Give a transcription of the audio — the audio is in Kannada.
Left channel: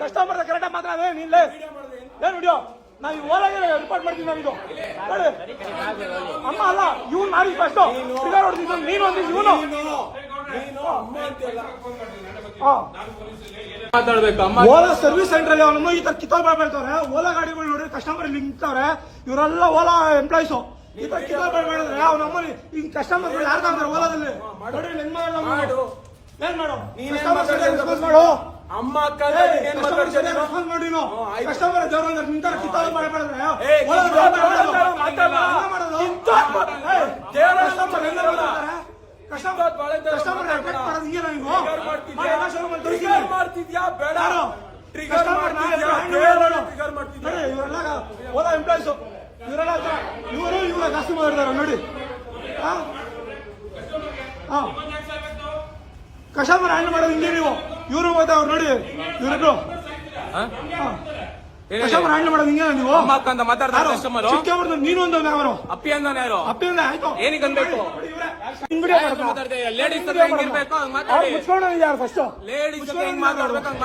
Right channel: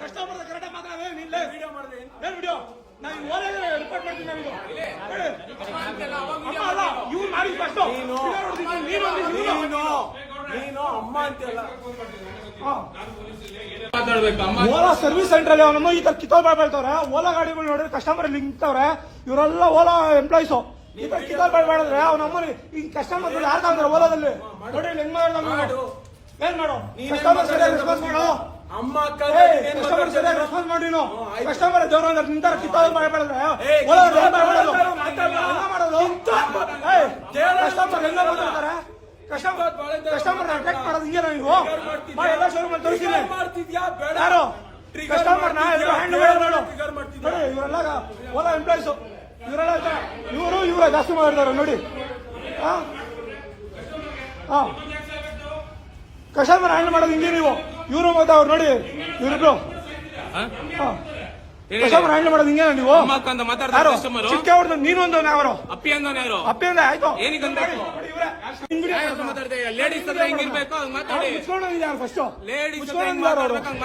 ಕಸ್ಟಮರ್ ಕರೆಕ್ಟಾಗಿ ಮಾತಾಡ ನಿಲ್ಲೇ ಏನ್ ವಿಡಿಯೋ ನಾವು ಓಲಾಗೆ ರಿಪೋರ್ಟ್ ಮಾಡ್ತೀವಿ ನಮ್ದು ಅಮ್ಮ ಅಲ್ಲ ಇವ್ನು ಮಾಡಿ ಫಸ್ಟ್ ನೀನು ಅಮ್ಮ ಅಂತೆಲ್ಲ ಓಲಾ ಸರ್ವಿಸ್ ಸೆಂಟರ್ ಅಲ್ಲಿ ನಮ್ಮ ಈ ತರ ಕಿತ್ತೋದ್ರೆ ಹೇಳ್ತವ್ರೆ ಓಲಾ ಗಾಡಿಗಳು ನೋಡ್ರಿ ಕಸ್ಟಮರ್ ನಿಂತವ್ರೆ ಇವರೆಲ್ಲ ಓಲಾ ಎಂಪ್ಲಾಯ್ಸು ಈ ತರ ಕಿತ್ತೋದ್ರೆ ಮಾಡಿದ್ರೆ ಅವನೊಬ್ಬ ಈಗ ಕಸ್ಟಮರ್ ಯಾರು ತಗೊಂತಾರೆ ಓಲಾದಲ್ಲಿ ನೋಡಿ ಏನ್ ಮಾಡು ನೀನೇನ್ ಮಾಡು ಅಮ್ಮ ಅಕ್ಕ ಏನ್ ಮಾತಾಡ್ತಾರೆ ನೋಡಿ ಕಸ್ಟಮರ್ ದೇವ್ರ ನಿಂತಾರ ಕಿತ್ತೋದ್ರೆ ಮಾಡ್ತಿದ್ಯಾ ಬೇಡ ಟ್ರಿಗರ್ ಮಾಡ್ತಿದ್ಯಾ ಓಲಾ ಎಂಪ್ಲಾಯ್ಸ್ ಇವರು ಜಾಸ್ತಿ ಮಾಡಿದ್ದಾರೆ ನೋಡಿ ಕಸ್ಟಮರ್ ಹ್ಯಾಂಡ್ ಮಾಡೋದು ಹಿಂಗೆ ನೀವು ಇವರು ಮತ್ತೆ ಅವ್ರು ನೋಡಿ ಇವ್ರು ನೀವು ಅಮ್ಮ ಅಕ್ಕ ಅಂತ ಮಾತಾಡ್ತಾರೆ ಕಸ್ಟಮರ್ ನೀನೊಂದು ನಾವು ಅಪ್ಪಿ ಅಂದಾನೆ ಯಾರು ಅಪ್ಪಿ ಅಂದ ಆಯ್ತು ಏನಕ್ಕೆ ಅನ್ಬೇಕು ಲೇಡೀಸ್ ಹತ್ರ ಹೆಂಗಿರ್ಬೇಕು ಹಂಗ್ ಮಾತಾಡಿ ಮುಚ್ಕೊಂಡು ಫಸ್ಟ್ ಲೇಡೀಸ್ ಹತ್ರ ಹೆಂಗ್ ಮಾತಾಡ್ಬೇಕು ಹಂಗ್